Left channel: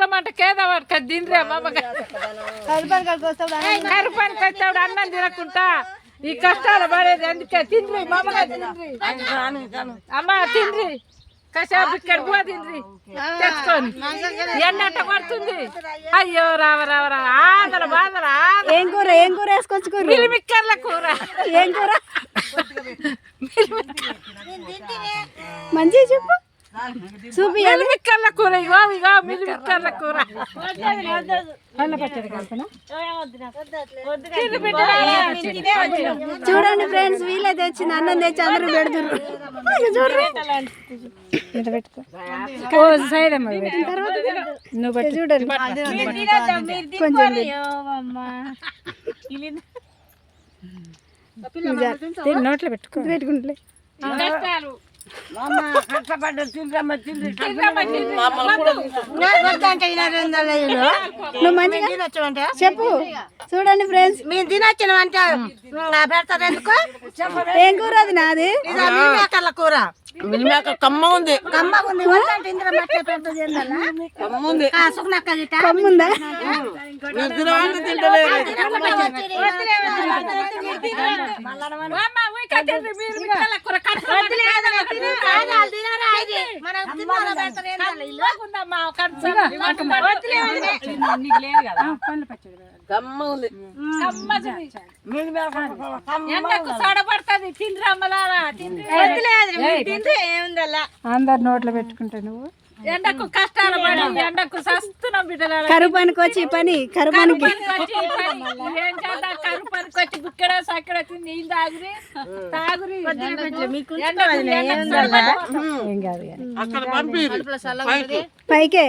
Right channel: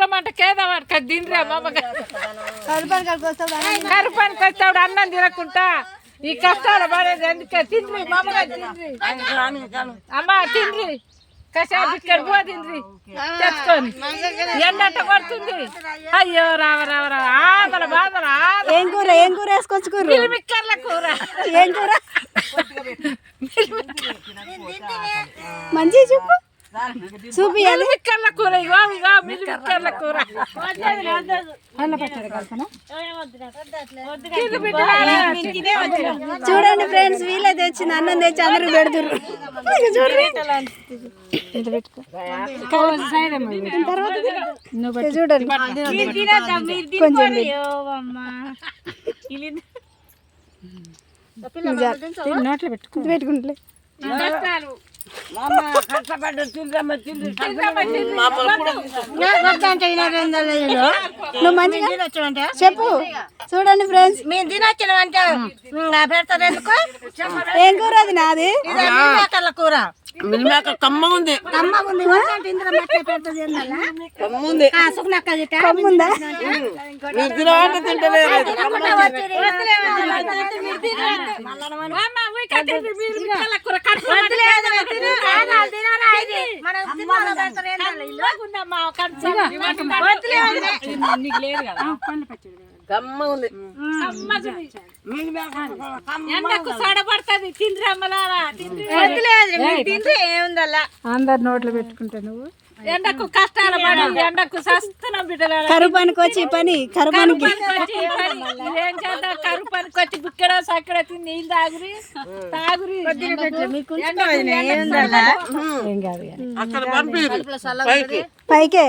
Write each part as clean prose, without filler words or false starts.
ముక్కుల మాట కేదవాడు తిండ్రి కరుపానికి వచ్చాడు అన్నం తినకుంటా ఈ కష్టాలు పడేది అందుకే తిండ్రి మామగా తిండ్రి అమ్మ తిండ్రి కషాపు ఇక్కడ పో తిండ్రి తెచ్చుకొని ఎండంట పడుతుంది అయ్యో రావ రావ రావ ఆదల బాధల ఏం కూర వేసుకొచ్చుకోరు మిక్కర్ల కూర ఏం కూర మంచిగా చెప్పు చూపియాలి మిక్కర్ల కూర ఇగో ఇగో మీరు మిక్కర్ల కూర చూడండి ఫ్రెండ్స్ వీళ్ళే తెచ్చింది అన్నం తెచ్చి అందరూ పెడుతుర్రు చూడండి కొంచెం నోట్లో పెట్టుకుంటే నువ్వు మంచిగా చెప్పు చూడండి ఫ్రెండ్స్ మేము తినొచ్చిన అంటే పెడతారు ఎందుకు ఏం కూర అది నాది కూర మిల్మేక కమ్మ ఉంది ఇందులో మట్టే పెడుతుంది సుఖనక్క కమ్ముందా మీరు తినవాలంటే తింటలేదు కమ్మ ఉంది ఎండకు సడపడుతుంది తిండ్రి అమ్మలారా ఏముందల్లా అందరు నోట్లో పెట్టుకుంటా నువ్వు ఎండకు కష్టాలు పడి ఎండకు సస్తున్నాం బిడ్డలారా కరుపానికి వచ్చి పని కరుపానికి ఏం చేద్దాం కరుపానికి వచ్చి బుక్కడ సక్కడ తిని నీళ్ళు తాగురి ఏం కాదు అక్కడ పంపి పైకే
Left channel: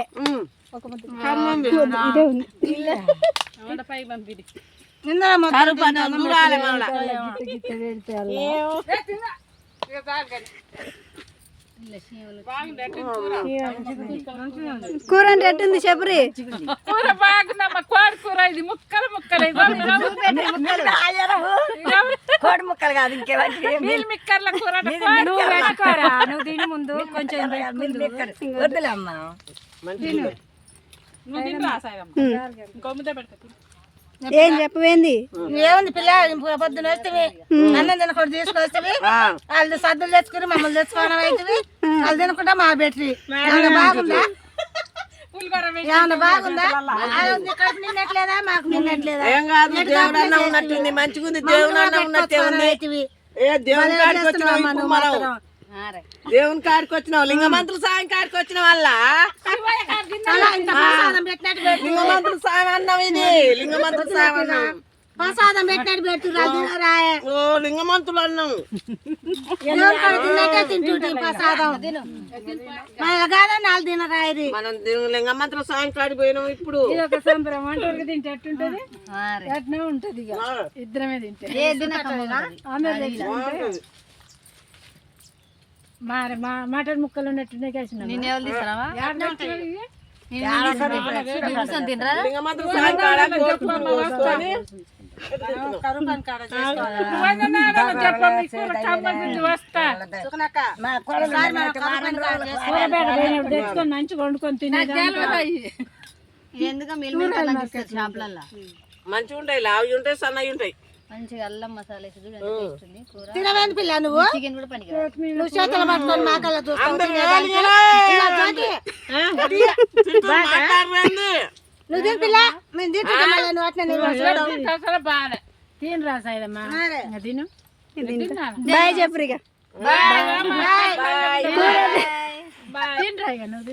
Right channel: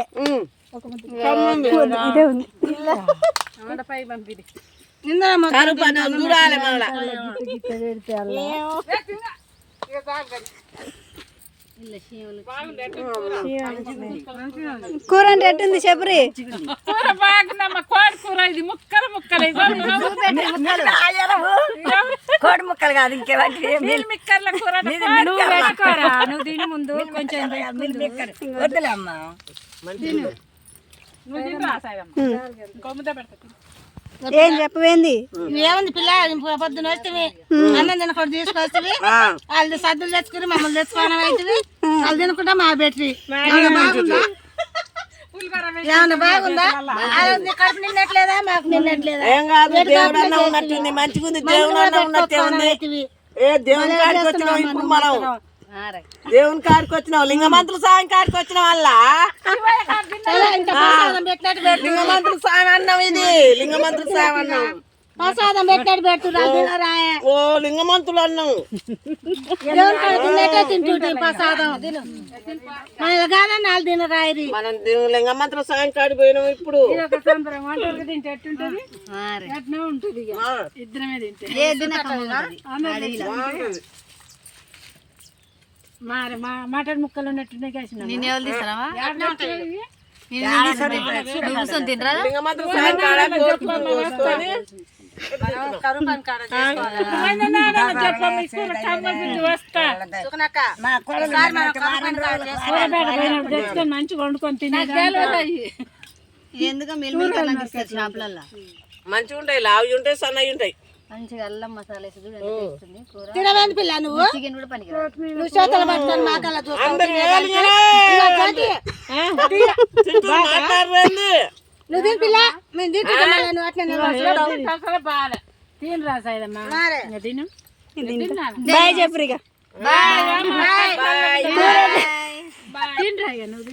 ఇదే ఉంది కూర అంటే ఎట్టుంది చెప్పురి కూర బాగుందమ్మా కోడి కూర ఇది ముక్కలు ముక్కలు కోడి ముక్కలు కాదు నీళ్ళు మిక్కర్ల కూర నువ్వు పెట్టుకోరా నువ్వు తిని ముందు కొంచెం వద్దులే అమ్మా ఏం చెప్పవేంది ఏముంది పిల్ల పొద్దున వస్తే అన్నం తినకుండా తీసుకొస్తే వాళ్ళు సద్దులు తెచ్చుకుని మమ్మల్ని తెచ్చుకోవడం అవుతుంది వాళ్ళు తినకుండా మా బెట్రి బాగుందా ఏమన్నా బాగుందా కడుపు నిన్నట్లేదా మాకు నిన్నట్లేదా ఏం కాదు దేవుడు అన్న ఉన్నట్టుంది మంచిగా ఉంది దేవుడు అన్న ఉన్నట్టే ఉంది ఏ దేవుని కాడికి వచ్చినావు ఇప్పుడు మనం దేవుని కాడికి వచ్చినావు లింగమంతులు సాయం కాడికి వచ్చిన వల్ల లింగమంతులు సాయం అన్నాం ఇది లింగమంతులు సాయం అన్నాం ప్రసాదం పెట్టినట్టు పెడుతున్నా ఓ లింగమంతులు అన్నాం తిన్నట్టే తింటుంటే ప్రసాదం మన కాదని వాళ్ళు తినరాయి మనం లింగమంతుల సాయం కాడికి పోయినాం ఇప్పుడు తింటే ఎట్టుంటది ఎట్నే ఉంటది ఇక ఇద్దరమే తింటే మటన్ ముక్కలు ఉన్నట్టున్నాయి కలిసి నేను ఎవరు తీసుకురావా లింగమంతుల సాయం కాడ తెచ్చుకొని మంచిగా వండుకొని తినే ఎందుకు షాపులల్లో మంచిగా ఉంటాయి లావి ఉంటాయి సన్నవి ఉంటాయి మంచిగా అల్లం మసాలా తినవేంది పిల్ల నువ్వు చికెన్ కూడా పనికి నువ్వు చేతులు పట్టుకొని మాకల్లా నువ్వు తిని పిల్ల మేము తింటున్నాను అట్లా బాగా తిని రాసాయమ్మా తిను బాయ్ చెప్పురిగా బాయ్